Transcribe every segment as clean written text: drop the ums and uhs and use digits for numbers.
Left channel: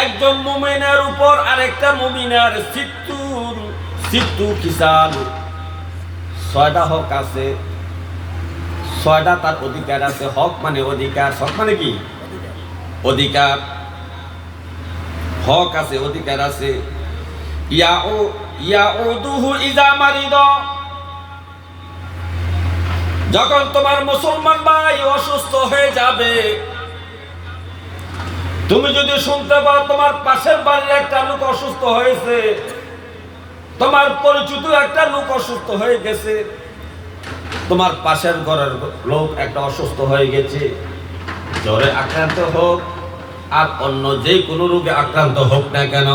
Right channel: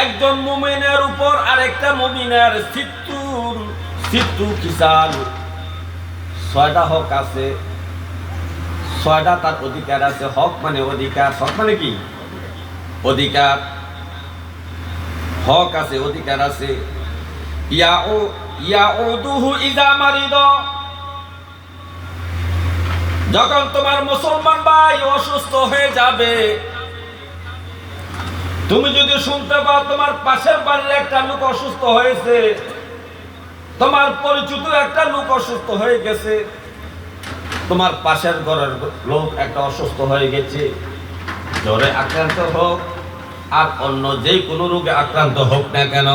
একজন মুমিনের উপর আরেকটা মুমিনের সিত্তু কিসাল 6টা হক আছে, 6টা তার অধিকার আছে। হক মানে অধিকার, হক মানে কি অধিকার, হক আছে, অধিকার আছে। ইয়াউদুহু ইযা মারিদ, যখন তোমার মুসলমান ভাই অসুস্থ হয়ে যাবে, তুমি যদি শুনতে পাও তোমার পাশের বাড়ির একটা লোক অসুস্থ হয়েছে, তোমার পরিচিত একটা লোক অসুস্থ হয়ে গেছে, তোমার পাশের ঘরের লোক একটা অসুস্থ হয়ে গেছে, জ্বরে আক্রান্ত হোক আর অন্য যে কোনো রোগে আক্রান্ত হোক না কেন,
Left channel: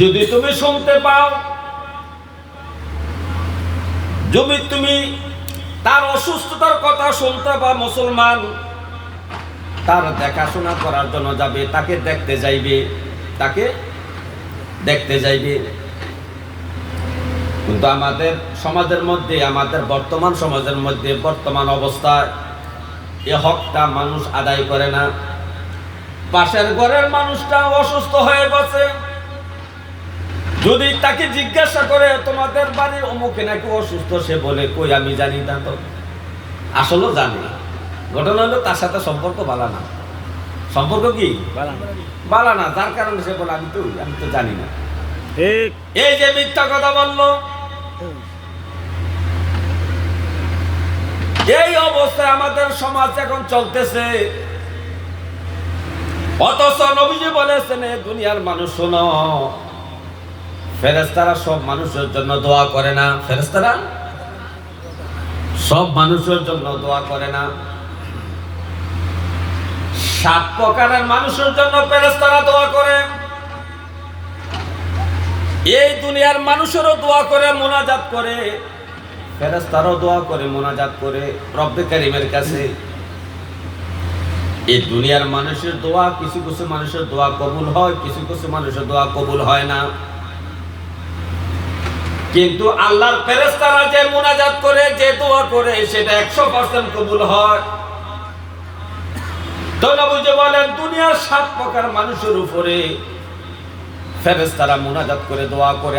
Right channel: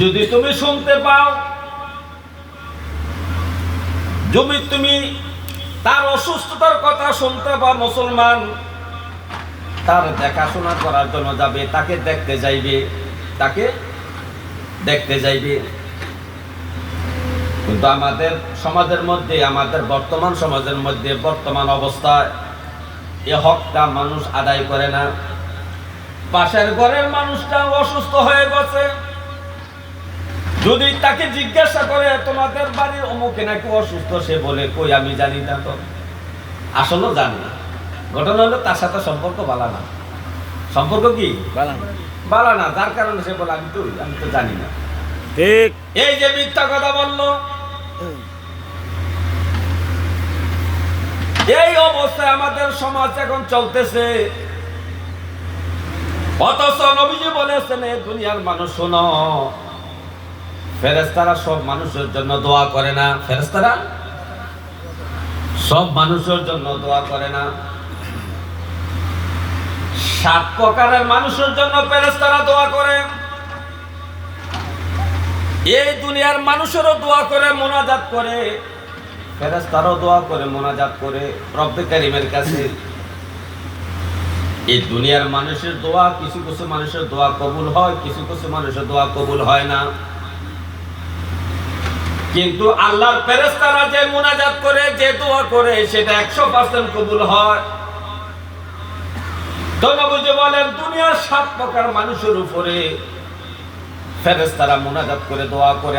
যদি তুমি শুনতে পাও, যদি তুমি তার অসুস্থতার কথা শুনতে পাও, মুসলমান তার দেখাশোনা করার জন্য যাবে, তাকে দেখতে যাইবে। কিন্তু আমাদের সমাজের মধ্যে, আমাদের বর্তমান সমাজের মধ্যে, বর্তমান অবস্থায় এ হকটা মানুষ আদায় করে না। পাশের ঘরের মানুষটা অসুস্থ হয়ে গেছে, যদি তাকে জিজ্ঞাসা করে তোমাদের বাড়ির অমুকে নাকি অসুস্থ, সে বলে কই আমি জানি না, তো আসলে জানি না। ঘটনা হলো তার সাথে সম্পর্ক ভালো না, সম্পর্ক কি ভালো না, যার কারণে সে বলে আমি তো জানি না। ঠিক এই যে মিথ্যা কথা বললো, এই অবস্থায় আমাদের সমাজ এখন চলতেছে। অথচ নবীজি বলেছেন, দুনিয়ার মানুষ শোনো, ফেরেশতারা সব মানুষের জন্য দোয়া করে না, ফেরেশতারা সব মানুষের জন্য দোয়া করে না। 7 প্রকারের মানুষের জন্য ফেরেশতারা দোয়া করে। এই দুনিয়ার মানুষেরও দোয়া করে, মুনাজাত করে, ফেরেশতারাও দোয়া করে, মুনাজাত করে রব্বে কারীমের কাছে। এই দুনিয়ার মানুষের দোয়া, কিছু কিছু মানুষের দোয়া কবুল হয়, কিছু কিছু মানুষের দোয়া কবুল হয় না। কিন্তু আল্লাহর ফেরেশতারা যে মুনাজাত করে, যে দোয়া করে, সেটা 100% কবুল হয়। তো নবীজি বলেন, দুনিয়ার 7 প্রকার মানুষের উপরে ফেরেশতারা মুনাজাত করে, দোয়া করে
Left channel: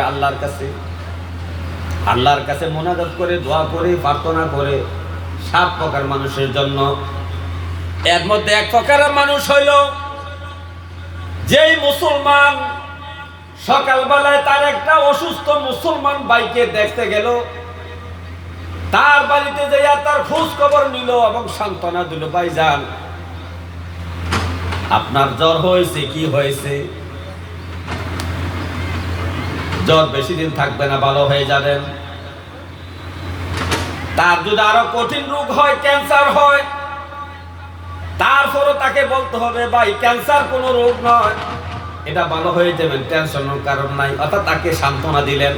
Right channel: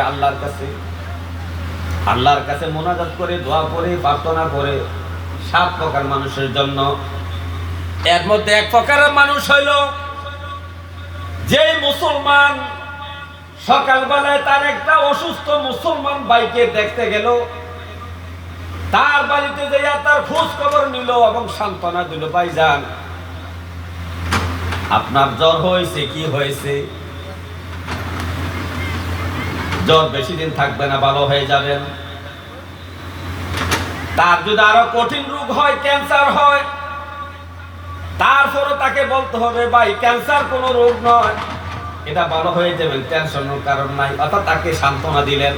আল্লাহর কাছে মুনাজাত করে, দোয়া করে, প্রার্থনা করে 7 প্রকার মানুষের জন্য। এর মধ্যে 1 প্রকারের মানুষ হইল যেই মুসলমান সকালবেলায় তার একটা অসুস্থ মুসলমান ভাইকে দেখতে গেল, তার বাড়িতে যাইয়া তার খোঁজ খবর নিল এবং সান্ত্বনা দিল, ভাইজান আপনার জ্বর হয়েছে, কি হয়েছে? জ্বর বেশি দিন থাকবে না, ভালো হয়ে যাবেন। তার যদি আরো কঠিন রোগ হয়, ক্যান্সার হয়, তারপরে তাকে বলতে হবে, ভাই ক্যান্সার কোনো রোগ নয়, এটা ভালো হয়ে যাবেন, টেনশনের কারণ নাই। অর্থাৎ তাকে সান্ত্বনা দিলেন।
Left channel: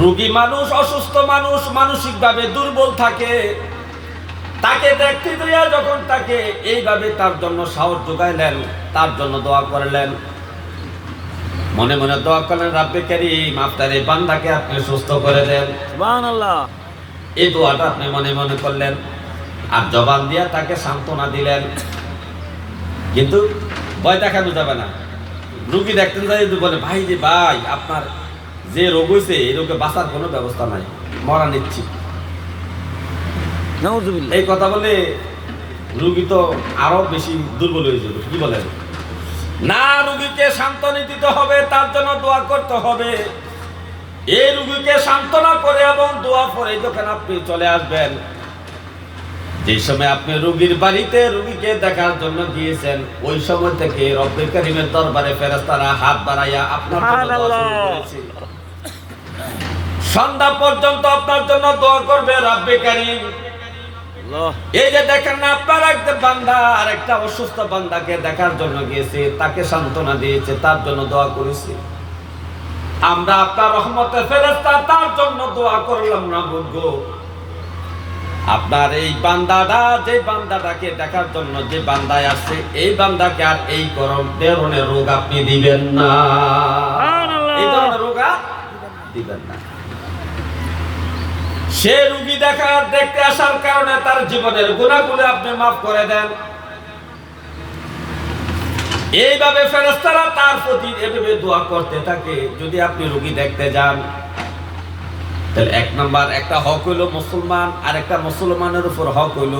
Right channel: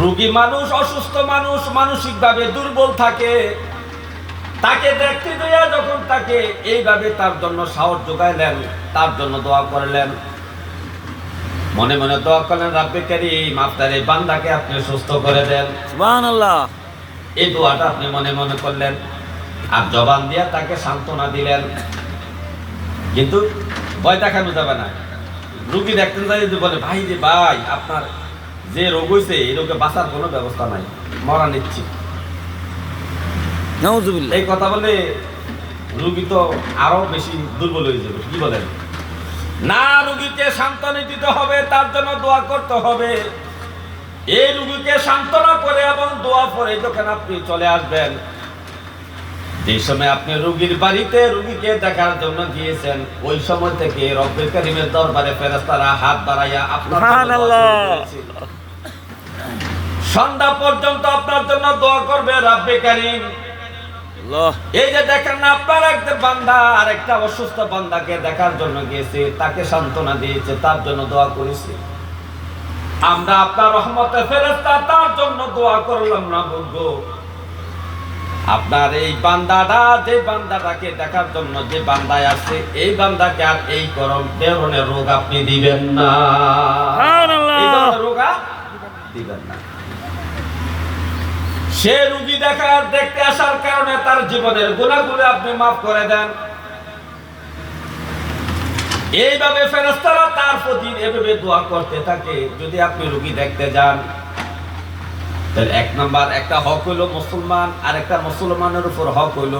রোগী মানুষ, অসুস্থ মানুষ, মানসিকভাবে দুর্বল থাকে, তাকে দেখতে যাইয়া যখন তাকে এইভাবে তার জন্য সাহস যোগাইলেন, তার জন্য দোয়া করলেন, মনে মনে দোয়া করলেন, রাব্বে কারীম আপনার এই বান্দাকে আপনি সুস্থ করে দেন, সুবহানাল্লাহ। এই দোয়াটা আপনি মনে মনে করলেন আর জবান দিয়া তাকে সান্ত্বনা দিলেন। কিন্তু ভয় দেখানো যাবে না। রোগী দেখতেন যাই বলে, ভাই যে ভাই আপনার যে রোগ হয়েছে, এই রোগে বাঁচার কোনো ব্যবস্থা নাই, মরা নিচ্ছি, এই কথা বলে রোগী তো আরো বেশি দুর্বল হয়ে যাবে। কি বলেন না? রোগীকে সান্ত্বনা দিতে হবে, তার জন্য দোয়া করতে হবে। এই রোগীকে সান্ত্বনা করে এবং দোয়া করে যখন আপনি চলে আসবেন, যে সময় আপনি রোগীর বাড়িতে রোগীকে দেখার জন্য গিয়েছেন, ওই সময় থেকে রব্বে কারীমের দরবারে ফেরেশতারা হাত বাড়াইয়া আপনার জন্য দোয়া শুরু করেছে। সন্ধ্যা পর্যন্ত আপনার জন্য দোয়া করবে রব্বে কারীম। এই যে দেখেন না, আপনার একটা বান্দা আর একটা অসুস্থ বান্দাকে দেখার জন্য গিয়েছে, তাকে সান্ত্বনা দিয়েছে, তার জন্য দোয়া করেছে। আমরা আপনার রহমতের ফেরেশতা তার জন্য দোয়া করলাম না বলবো? আপনার এই বান্দাটা, যে বান্দাটাকে দেখার জন্য যে বান্দায় আছে, এই বান্দাকে আর এই ধরনের রোগ আপনি দিবেন না, এই ধরনের রোগ দিবেন না। সে রোগী দেখতে আসার কারণে তার জীবনের গুনাহগুলো আপনি মাফ করে দেন। এইভাবে ফেরেশতারা তার প্রতি এভাবে দোয়া করতে থাকে। যদি আপনি রোগী দেখতে যান, তাহলে এক নাম্বার একটা হক হইল মুসলমান, আর একটা মুসলমানের উপর হক হইল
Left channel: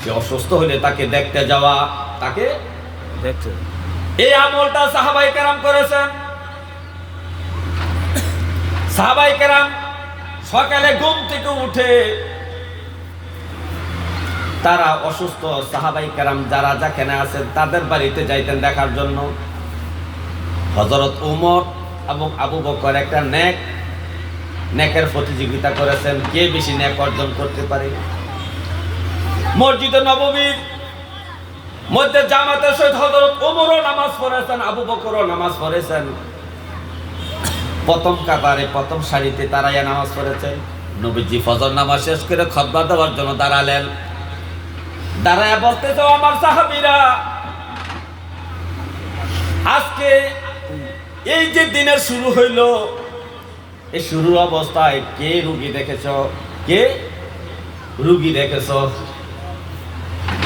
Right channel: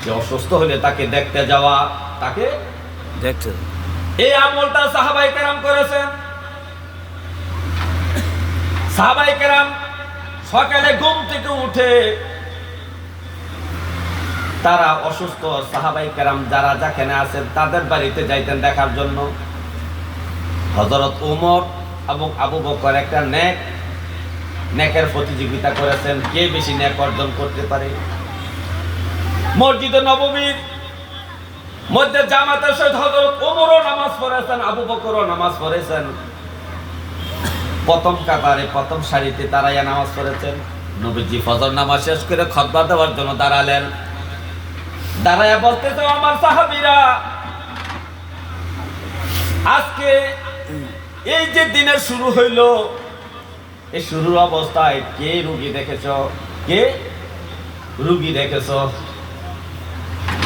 সে অসুস্থ হলে তাকে দেখতে যাওয়া, তাকে দেখতে। এই আমলটা সাহাবায়ে কেরাম করেছেন। সাহাবায়ে কেরাম সকালে ঘুম থেকে উঠে তারা অসুস্থ সাহাবায়ে কেরাম যারা যেখানে আছেন তাদের বাড়িতে যাইতেন দেখার জন্য। হযরত ওমর এবং আবু বকর একটা নেকের প্রতিযোগিতা করেছেন, কে বেশি নেক অর্জন করতে পারে। মসজিদে নববীর মধ্যে জামাতের সহিত হযরত ওমরও নামাজ পড়েছেন, আবু বকরও নামাজ পড়েছেন। প্রথম কাতারে প্রথম সারিতে তারাইয়া নামাজ পড়েছেন। নবীজি ফজর নামাজ শেষ করে খুতবা দেওয়ার জন্য দাঁড়ালেন। দাঁড়ায়া বলতেছে, আমার সাহাবীরা, আজকে এই যে দিনের শুরু হইল, এই শুরুর অবস্থায় কে রুগী দেখেছ, কে রুগী দেখেছ?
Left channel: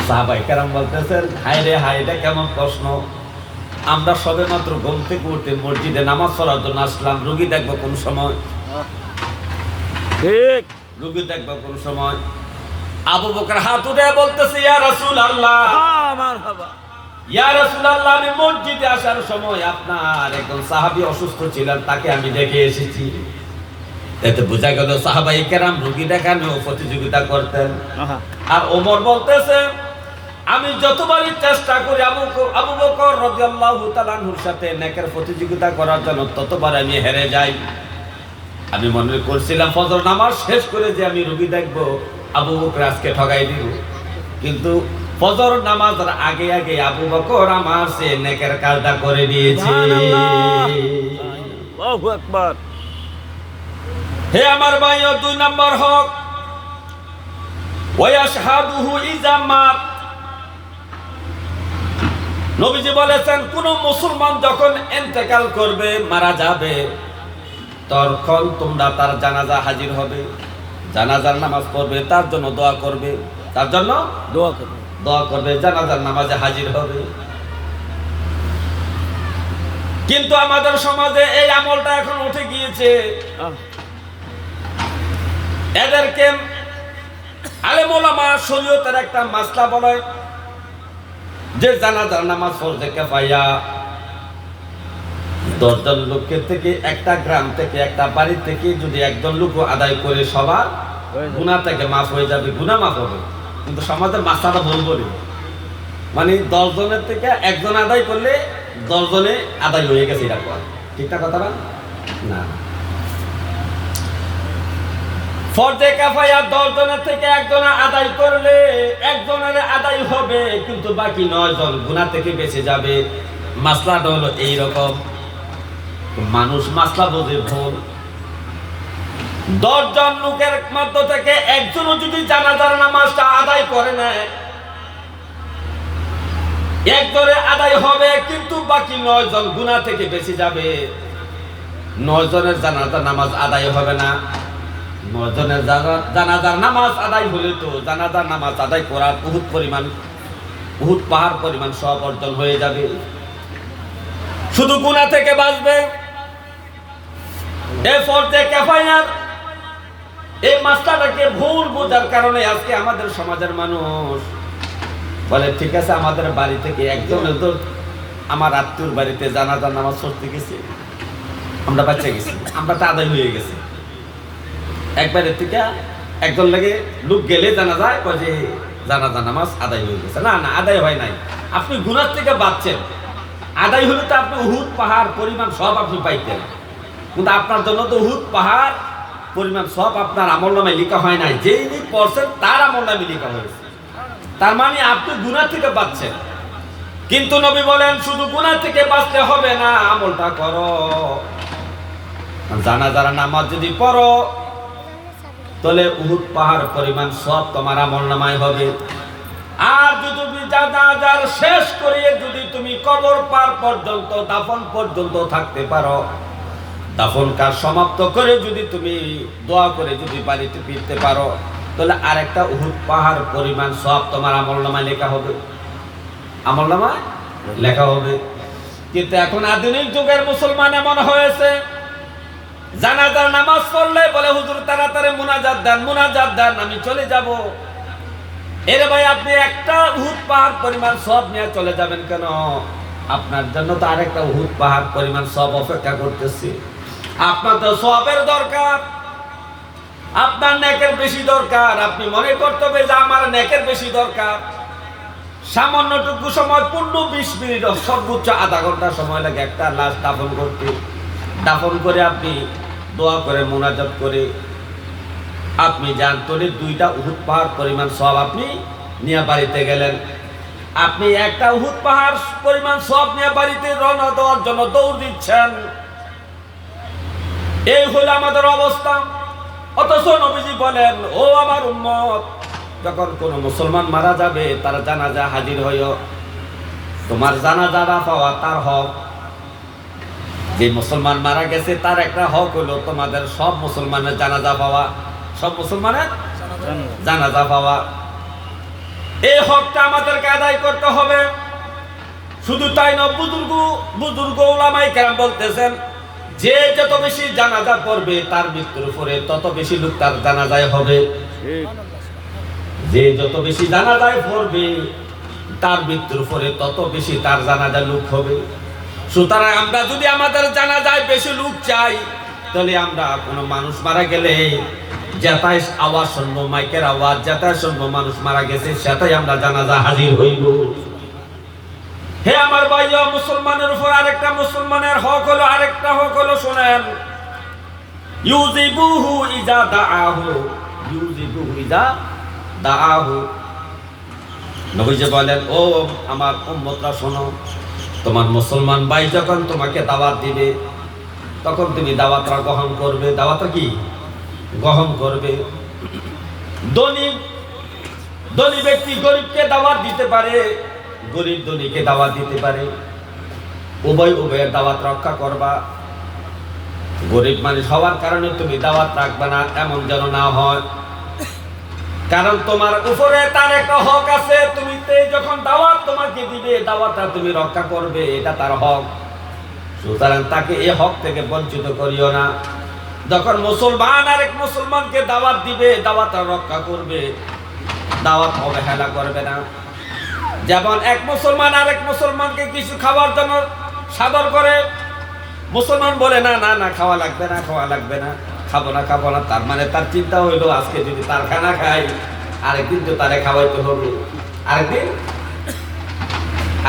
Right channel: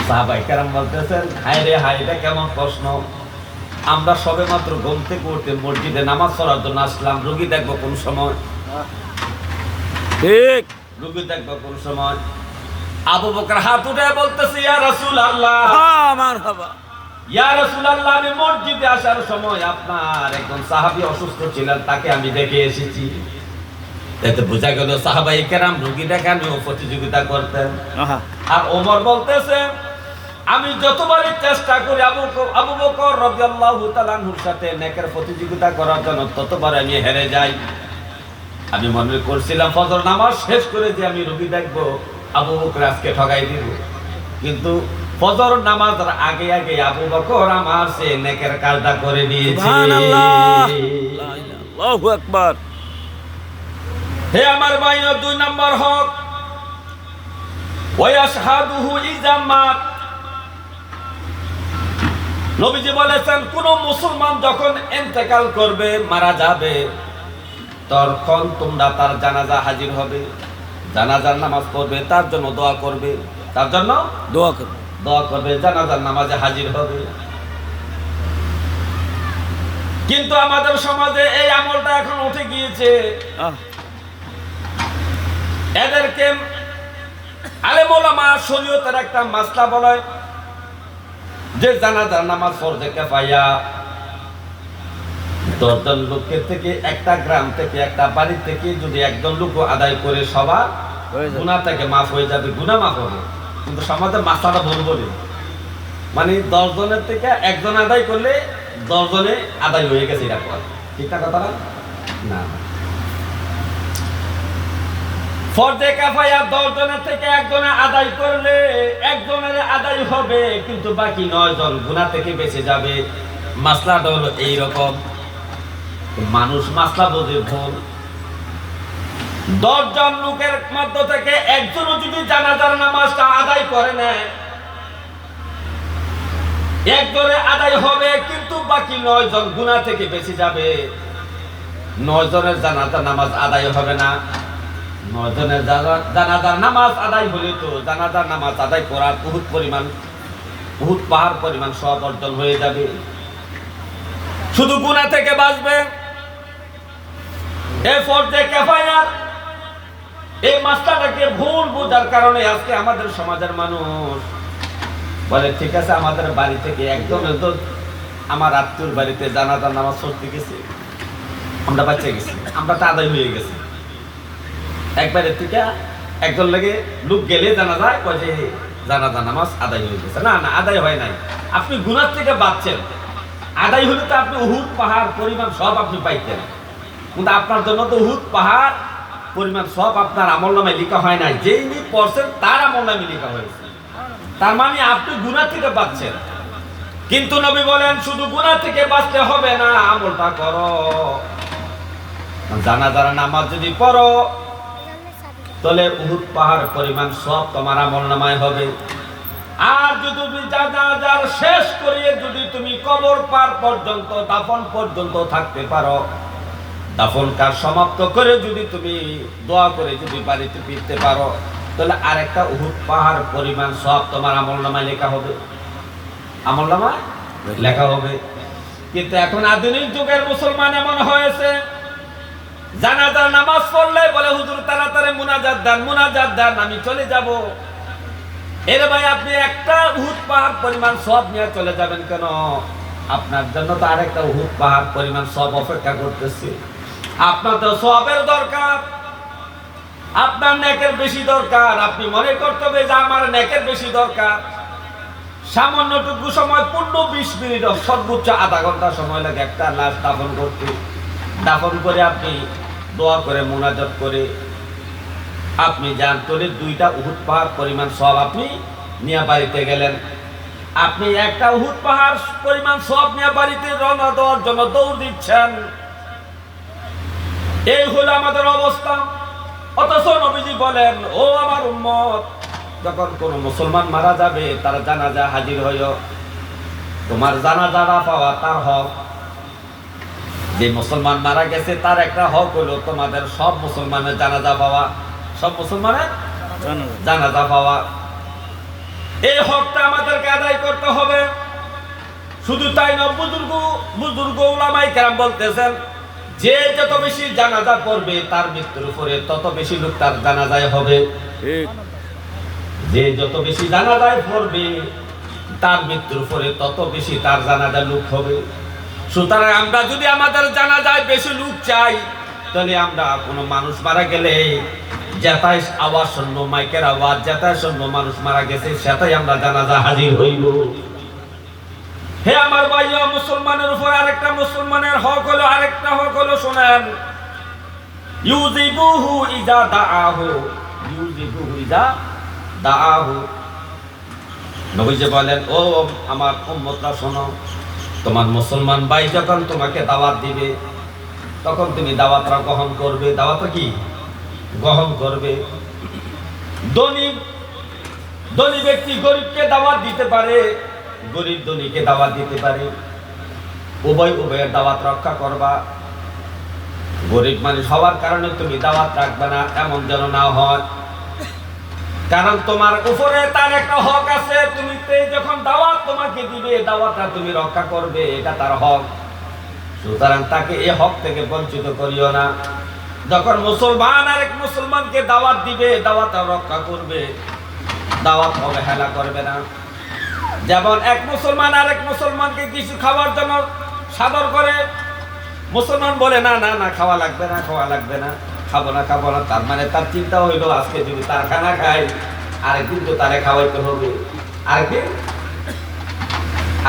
সাহাবায়ে কেরাম বলতেছেন, হায় রে হায়, এটা কেমন প্রশ্ন! আমরা সবে মাত্র ঘুম থেকে উঠে মসজিদে নামাজ পড়ার জন্য আসলাম, রুগী দেখবো কোন সময়? ঠিক, রুগী দেখবো কোন সময়? আবু বকর হাত উঠে বলতেছে, ইয়া রাসূলুল্লাহ, ইয়া রাসূলুল্লাহ, আমি মসজিদে আসার সময় আপনার একজন সাহাবী অসুস্থ ছিলেন, তাকে আমি দেখে এসেছি। এতে বোঝা গেল সাহাবায়ে কেরাম রুগী দেখানো প্রতিযোগিতা করতেন। আর ওমর বলতেছে, আমি যতবারই চেষ্টা করি আবু বকর রাদিয়াল্লাহু তাআলা আনহুর সাথে নেকের প্রতিযোগিতা করার জন্য, ততবার আমি হেরে যাই। আমি মনে করছিলাম ফজর নামাজ শেষ করে যে আমি রুগী দেখবো, আবু বকর আজকে ঠগাই দিব। কিন্তু ফজর নামাজের আগে আগে আবু বকর আমার সে নেকের কাজটা করে দিয়েছে। আল্লাহু আকবার। হে আমার ভাইও, 2 নাম্বার হক ওয়াশহাদুহু ইযা মাত। নবীজি বলেছেন, কোন মুসলমান যখন ইন্তেকাল করবে, মারা যাবে, তখন তোমরা তার জানাজা হাজির হবে, জানাজার নামাজ পড়বে, তার জন্য দোয়া করবে, তার জন্য দোয়া করবে, জানাজার নামাজে হাজির হবে। কিন্তু আমাদের সমাজে এই আমলটা এখন উঠে গিয়েছে। এদেরকে আলেম ওলামা শরীয়তের একটা মাসলা বলে যে জানাজার নামাজ ফরজে কিফায়া। 10 জন লোকের থেকে, একটা গ্রাম থেকে, একটা বাড়ি থেকে যদি একজন লোক আদায় করে, সবার গুনাহ থেকে মাফ হয়ে যাবে, গুনাহ মাফ হবে। কিন্তু সমাজের মাসলাটা ভুল বলি, মানে 10 জনের থেকে একজন আদায় করলে 10 জনে আদায় হয়ে গেছে, এটা কয় ঠিক না কথাটা? না না, ফরজে কিফায়া 10 জনের থেকে একজনে আদায় করলে একজনের আদায় হবে, কিন্তু বাকি 9 জন গুনাহ থেকে বেঁচে যাবে। মাসলাটা হলো এইরকম। মানুষ মাসলা বোঝে ভুল। 10 জন লোকের মধ্য থেকে একজনও যদি জানাজার নামাজটা আদায় করে নেয়, একজনে আদায় হবে, কিন্তু বাকি 9 জন গুনাহ থেকে বেঁচে যাবে। 9 জনের জানাজার নামাজ আদায় হবে না। 9 জনের জানাজার নামাজ আদায় হলে তো জানাজার নামাজ আদায় করার উহুদ পাহাড় পরিমাণ সওয়াব অর্জন হয়ে যাবে, শুধু গুনাহ থেকে বাঁচবে। এই ফরজে কিফায়ার এই মাসলাটাকে ভুল বোঝার কারণে আজকে আমাদের সমাজের মানুষ বলে, ঠিক আছে, আমাদের বাড়ি থেকে একজন, আমার আত্মীয়র বাড়িতে জানাজার নামাজ পড়তে গেছে, আমরা বাচ্চা গেছি, আমরা তো আদায় হয়ে গেছে। একবারের থেকে একজন লাগে লোক গেলে জানা যায় যে জানাজা নামাজ আদায় হয়ে গেছে। না না, আদায় হয় নাই, আপনি গুনাহ থেকে বাঁচছেন। আদায় হলে তো আপনি উহুদ পাহাড় পরিমাণ সব আপনি পাইতেন, কিন্তু আপনার জন্য তো উহুদ পাহাড় পরিমাণ সব আপনার আমলনামায় লেখা হয় নাই, যেই পড়ছেন তার আমলনামায় লেখা হয়েছে। তার মানে আপনি গুনাহ থেকে বাঁচছেন। কিন্তু নবী বলেন, শুধু গুনাহ থেকে বাঁচতে হবে না, আমলটা করো। জানাজার নামাজ যদি পড়ো, তাহলে উহুদ পাহাড় পরিমাণ সব তোমার আমলনামায় হবে। আর যদি জানাজার শেষ করিয়ে যদি তুমি কবর পার পর্যন্ত, দাফন পর্যন্ত থাকতে পারো, দাফন কাজ সমাপ্ত করে যদি তুমি দোয়া করে যদি বাড়িতে ফিরতে পারো, তাহলে আরেকটা উহুদ পাহাড় পরিমাণ সব তোমার আমলনামায় লেখা হবে। আমলনামায় লেখা হবে। কিন্তু এখন আধুনিক যুগের মুসলমান এমন হয়েছে, জানাজার নামাজ পড়লে বলে হুজুর তাড়াতাড়ি মুনাজাত দেন আমি চলে যাব। এর ভাই আপনি একটা উহুদ পাহাড় পরিমাণ সওয়াব নিয়ে চলে যাবেন কেন? আপনার জন্য তো আরেকটা উহুদ পাহাড় পরিমাণ সওয়াব অপেক্ষা করতেছে। আপনার তো সওয়াবের দরকার, আপনার নেকের বেশি দরকার। আপনি মনে করতে হবে যে আমার নেকের বেশি দরকার। সামান্যটুকু সময় 15-20 মিনিট, সর্বোচ্চ আধা ঘন্টা সময় লাগে একটা লাশ দাফন করতে। দাফন করে আপনি দোয়া করে মুনাজাত করে আপনি যান, তোলে 2টা উহুদ পাহাড় পরিমাণ সওয়াব আপনি নিয়ে বাড়িতে গেলেন। আপনি একটা উহুদ পাহাড় পরিমাণ সওয়াব নিয়ে বাড়িতে রওনা দেওয়ার জন্য দৌড় দিচ্ছেন। এই হলো আমাদের অবস্থা। অথচ নবীজি বলেন, ও আমার উম্মত, যখন কোন মুসলমান মারা যাবে তার জানাজা হাজির হইও। তোমার জানাজাটা পাওয়া তার হক। যে মুসলমান মারা গেছে তার একটা হক হলো তোমাদের সব মুসলমানের জানাজা পাওয়া, সব মুসলমানের জানাজা পাওয়া। এই হকটা আমাদেরকে আদায় করতে হবে। শুধু তাই না, বুজুর্গ উলামায়ে কেরাম বলতেছেন, যে যত বেশি জানাজা পড়বে তার মৃত্যুর উপরে তত বেশি লোক তার জানাজায় হবে। যে যত বেশি জানাজায় পড়বে তার মৃত্যুর উপরে তত বেশি তার জানাজা লোক হবে। সুতরাং আমরা যদি আমাদের জানাজায় বেশি লোক চাই, তাহলে আমরা কোনো মানুষ মারা গেলে যেটাই আওয়াজ শুনবো, মাইকের আওয়াজ যেটাই শুনবো মানুষ মারা গেছে, সেটাই আমরা জানাজা হাজির হইল। হে আমার ভাইয়া, মুসলমানের উপর আরেকটা মুসলমানের হক হলো, আরেকটা হক হলো, শোনেন, ইউজিবুহু ইজা দাআহু, ইউজিবুহু ইজা দাআহু। নবীজি বলেন, ও আমার উম্মতরা শোনো, তোমার মুসলমান ভাই যখন তোমাকে দাওয়াত দিবে তখন তুমি দাওয়াতটা গ্রহণ করবে। দাওয়াতটা কি গ্রহণ করবে। ধনী ব্যক্তি গরিবকে দাওয়াত দিতে পারে, গরিব ধনীকে দাওয়াত দিতে পারে। উভয়ের দাওয়াত রক্ষা করবা। গরিব মানুষ হওয়ার কারণে তুমি দাওয়াত রাখবে না, এমন যেন না হয়। কারণ তোমার উপরে তার একটা হক আছে। তুমি যখন দাওয়াত তোমাকে দিবে, দাওয়াতটা তুমি রক্ষা করবে, এটা তার হক। সুতরাং তাকে এই হক থেকে বঞ্চিত করিও না। যখন মুসলমান আরেক মুসলমানকে দাওয়াত দিবে, দাওয়াতটা রক্ষা করবে, দাওয়াত অবহেলা করবে না। যেমন এক মুসলমান আরেক মুসলমানকে কিছু খাওয়ার জন্য সাদর করে, মুসলমান বলে না না না, খাওয়া লাগবে না, খাবো না, তার মানে তার চিন্তা হইলো আজকে যদি তার খানা খাই, আরেকদিন তো তারে খাওয়াইতে হবে,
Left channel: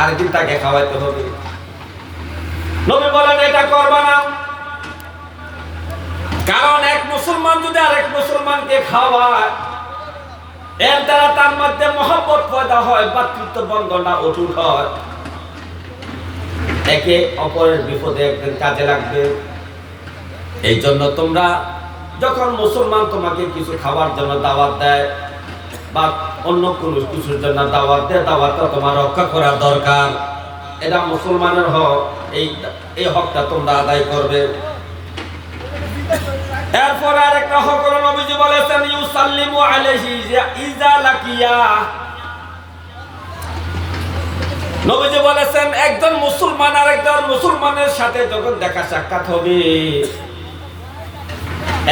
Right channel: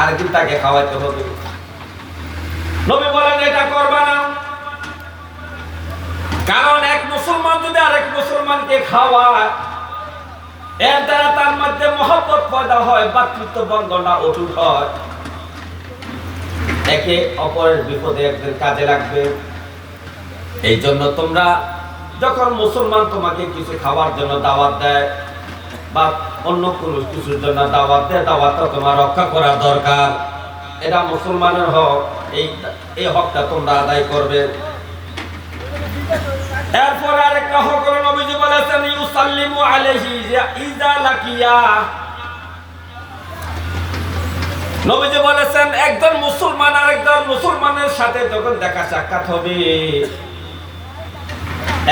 আরেকদিন তাকে খাওয়াইতে হবে। নবী বলেন এটা করবা না। কারণ এক মুসলমান যদি আরেক মুসলমানকে খাওয়ায়, এর দ্বারা তার মধ্যে মহব্বত পয়দা হয়, ভাতৃত্ব বন্ধনটা অটুট হয়। একে অপরের বিপদে একদিন কাজে লাগবে। এই জন্য তোমরা যখন মুসলমান তোমাকে কিছু খাবার জন্য দাওয়াত দেয় বা অন্য কোনো কিছুর জন্য দাওয়াত দেয়, দাওয়াতটা তোমার রক্ষা করা দরকার। এটা মুসলমানের হক, এই হকটা তোমরা আদায় করবে। এরপরে আরেকটা হক হলো, নবীজি বলেছেন, ইউসাল্লিমু আলাইহি ইজা লাকিয়া। নবীজি বলেছেন, একজন মুসলমান আরেকজন মুসলমানের সাথে যখন দেখা সাক্ষাৎ হবে,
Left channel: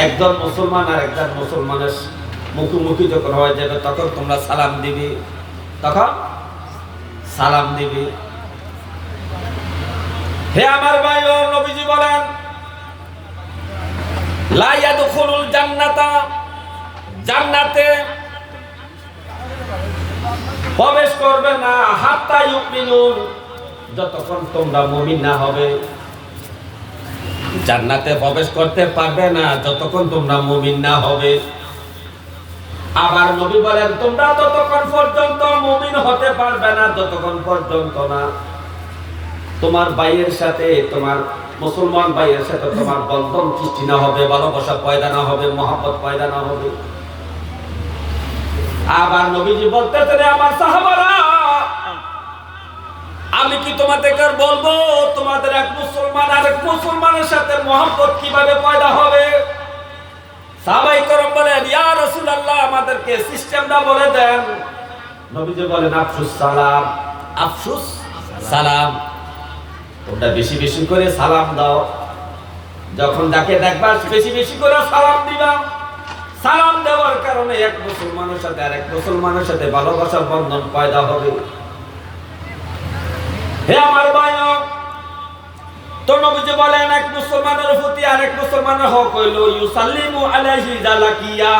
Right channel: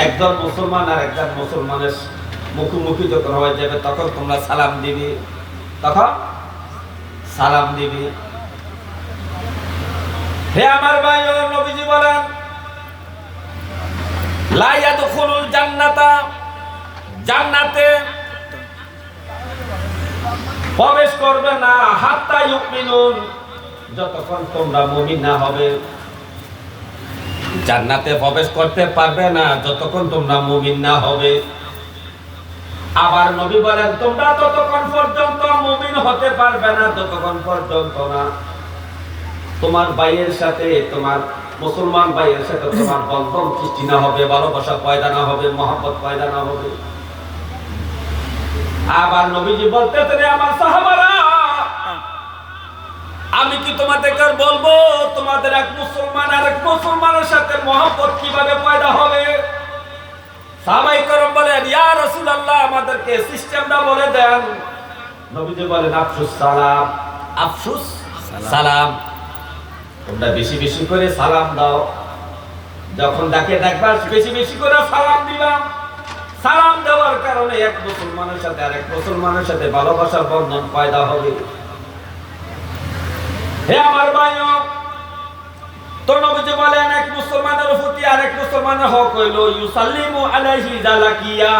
একজন মুসলমান আর একজন মুসলমানের মুখোমুখি যখন হয়ে যাবে, তখন তোমরা সালাম দিবি, হে আমার ভাই, নবীজি বলেন, লা ইয়াদখুলুল জান্নাতা, জান্নাতে প্রবেশ করবে না, হাত্তা ইউমিনুন, যতক্ষণ তোমরা মুমিন না হবে। জান্নাতে প্রবেশ করতে পারবে না যতক্ষণ তোমরা মুমিন না হবে। আবার নবী বলেন, তোমরা ততক্ষণ পর্যন্ত মুমিন হতে পারবে না যতক্ষণ পর্যন্ত না তোমার ভাইয়ের সাথে, তোমার মুসলমান ভাইয়ের সাথে তোমার বন্ধন সৃষ্টি না হবে, ভালোবাসা পয়দা না হবে, মহব্বত পয়দা না হবে। আবার নবীজি বলতেছেন, আমার সাহাবারা, আমি কি তোমাদেরকে বলবো তোমাদের এক মুসলমান আরেক মুসলমানের সাথে মহব্বত কিভাবে পয়দা হবে? সাহাবায়ে কেরাম বলেন, ইয়া রাসূলুল্লাহ, আমাদেরকে সিস্টেমটা বলে দেন। নবীজি বলেন, আফসুস সালাম, আফসুস সালাম। তোমরা বেশি বেশি করে সালাম দাও, যখন যাকে দেখবা বেশি বেশি করে সালাম দিবা। সালাম দেওয়ার কারণে এক মুসলমানের সাথে আরেক মুসলমানের সাথে ভালোবাসার বন্ধন পয়দা হবে। হে আমার ভাইও, তো নবীজি বলেন এক মুসলমানের প্রতি আরেক মুসলমানের হক হইল ইউসাল্লিমু আলাইহি ইযা লাকিয়া।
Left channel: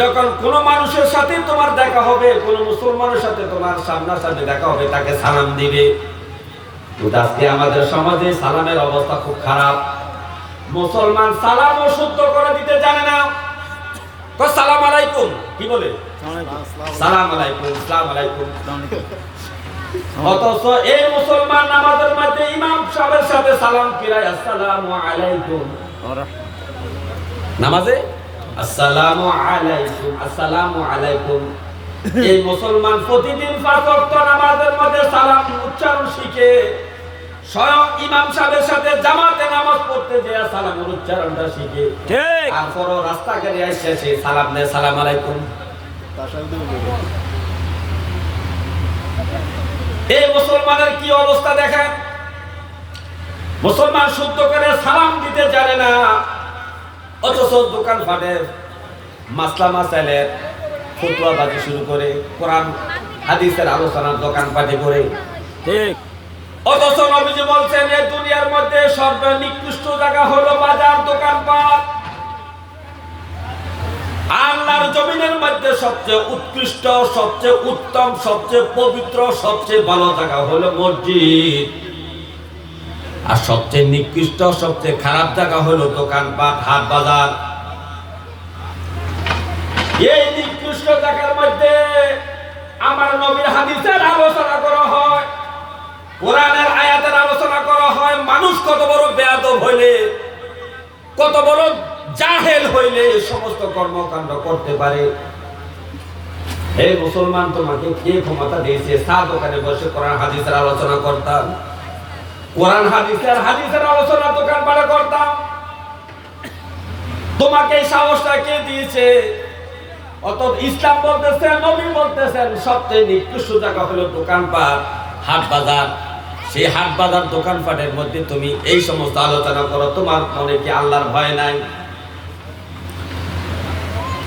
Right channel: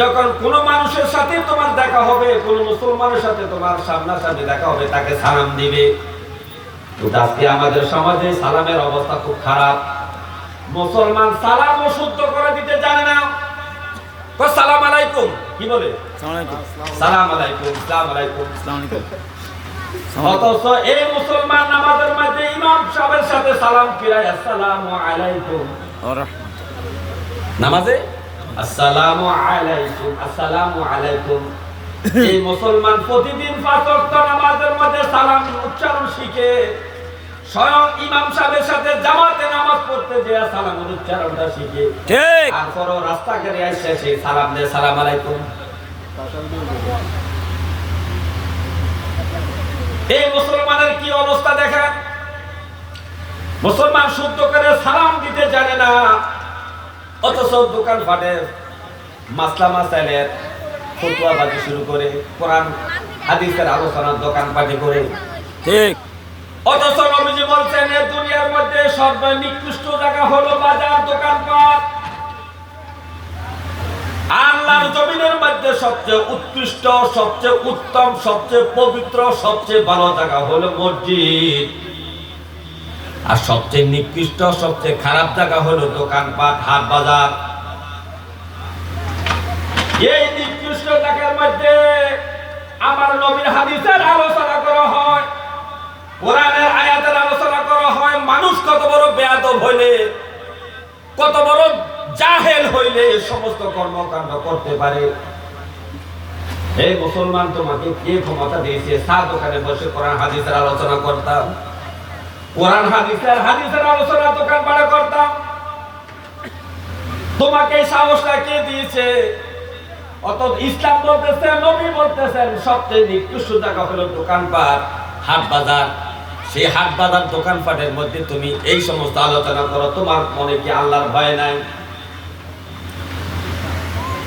যখন কোন মানুষের সাথে তোমার দেখা হবে, কোন মুসলমানের সাথে তোমার সামনাসামনি দেখা হবে, তাকে সালাম দিবে। কিন্তু আজকে আমাদের সমাজে সালামের অবস্থা খুব খারাপ। মুসলমান সালামও শুদ্ধ করে দিতে জানে না। সালাম আলাইকুম কি বলে? সালাম আলাইকুম, সালাম আলাইকুম। অথচ এই মুসলমান নামাজের মধ্যে ইমাম সাহেবের সাথে সালাম ফিরায় আসসালামু আলাইকুম। নামাজে আসসালামু আলাইকুম, আসসালামু আলাইকুম। এই মুসলমান প্রতিদিন 5 ওয়াক্ত নামাজের মধ্যে সালাম উচ্চারণ শিখে স্বয়ং ইমাম সাহেবের সাথে জামাতে নামাজ পড়তে যে সালামের উচ্চারণটা শিখে, ঠিক আর পরও রাস্তাঘাটে এসে সেই সালাম দেয়, সালাম আলাইকুম। এই মুসলমানের কি অবস্থা দেখেন। মুসলমান শুদ্ধ করে সালাম দিতে জানে না, অথচ দোকান ফাটে মাসলা মাসাইলের ফতোয়াবাজি শুরু করে, কোরআন হাদিসের আলোচনার দোকান পাটি করে। ঠিক। অথচ নবীজি বলছেন এই দুনিয়ার মধ্যে সর্বনিকৃষ্ট জায়গা হলো বাজার, দোকানপাট। আল্লাহর জমিনের মধ্যে সবচেয়ে উৎকৃষ্ট, সবচেয়ে উত্তম, সবচেয়ে পবিত্র, সবচেয়ে ভালো জায়গা হলো মসজিদ। আর সবচেয়ে নিকৃষ্ট, সবচেয়ে খারাপ জায়গা হলো দোকানপাট, হাট বাজার। এই নিকৃষ্ট জায়গার মধ্যে আমার নবীর হাদিসের আলোচনা করা হয়, কোরআনের আয়াতের আলোচনা করা হয়। মানুষ কত বড় বেয়াদব হইলে, কত বড় জাহেল হইলে এই সমস্ত কর্মকাণ্ড করতে পারে। এই মুসলমান, তোমাকে কে ক্ষমতা দিয়েছে চা দোকানে বসে কোরআন হাদিসের আলোচনা করতাম, কোরআন হাদিসের আলোচনা দোকান পাড়ে করতাম? তোমাকে এই সাহসটা কে দিয়েছে? অত ইসলাম বলতেছে, নবী বলতেছেন সবচেয়ে নিকৃষ্ট জায়গা হলো দোকানপাট, হাট বাজার। সেই হাট বাজার দোকানপাটের মধ্যে তুমি এই সমস্ত আলোচনা করো, তোমার মনে কি আল্লাহর ভয় নাই?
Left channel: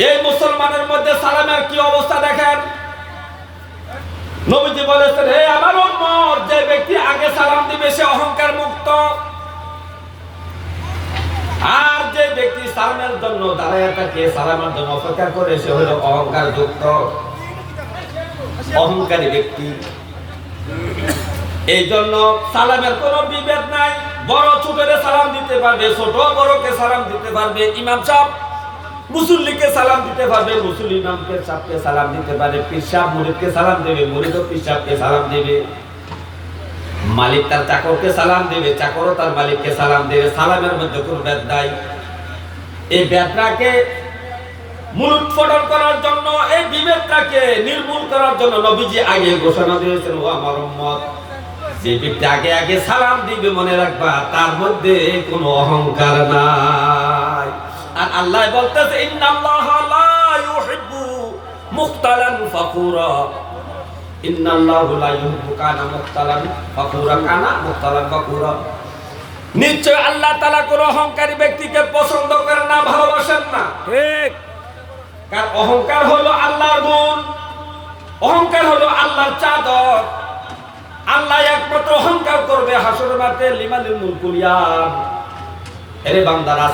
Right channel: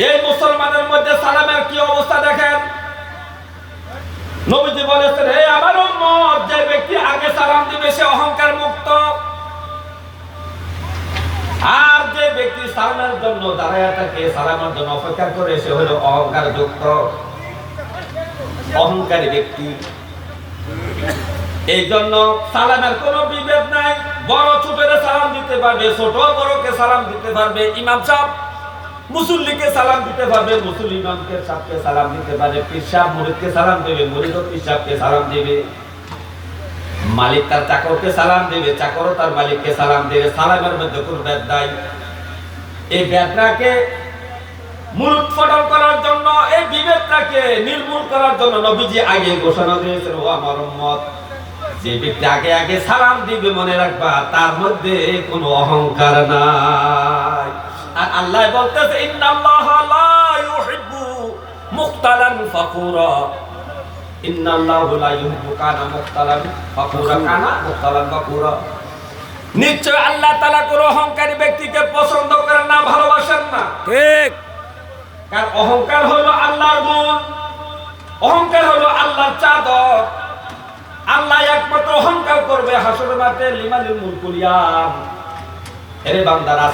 এই মুসলমানের মধ্যে সালামের কি অবস্থা দেখেন। নবীজি বলেছেন, হে আমার উম্মত, যে ব্যক্তি আগে সালাম দিবে সে অহংকার মুক্ত, আর যে ব্যক্তি সালামের জন্য দাঁড়ায় থাকে, সালামের জন্য অপেক্ষা করে, সে হলো অহংকার যুক্ত, অহংকারী ব্যক্তি। এই জন্য সালামের কোনো বিভেদ নাই। বড় ছোটরে সালাম দিতে পারবে, ছোট বড়কে সালাম দিতে পারবে। ইমাম সাহেব মুসল্লিকে সালাম দিতে পারবে, মুসল্লি ইমামকে সাহেবকে সালাম দিতে পারে। পীর সাহেব মুরিদকে সালাম দেবে, মুরিদও পীর সাহেবকে সালাম দেবে। মালিক তার চাকরকে সালাম দেবে, চাকরও তার মালিককে সালাম দেবে। সালামের মধ্যে কোনো ভেদ নাই। এই ভেদটাকে মূলোৎপাটন করার জন্য, এই বিভেদটাকে নির্মূল করার জন্য নবীজি আগে ঘোষণা দিয়েছেন, ও আমার উম্মত, যে ব্যক্তি আগে আগে সালাম দিবে মনে রাখবা তার মধ্যে কোনো অহংকার নাই। আর আল্লাহ বলতেছে, ইন্নাল্লাহা লা ইউহিব্বু মুখতালান ফাকুরা। ইন্নাল্লাহু লা ইউহিব্বু কানা মুখতালান ফাকুরা, কানা মুখতালান ফাকুরা। নিশ্চয় আল্লাহ তাআলা কোন অহংকারী ব্যক্তিকে পছন্দ করেন না, ভালোবাসেন না। ঠিক। কারণ অহংকার হলো আল্লাহর গুণ, অহংকার হলো আল্লাহর চাদর। আল্লাহ একমাত্র অহংকার করবে হাসরের মাঠে, লিমানিল মুলকুল ইয়াম। হে বান্দারা,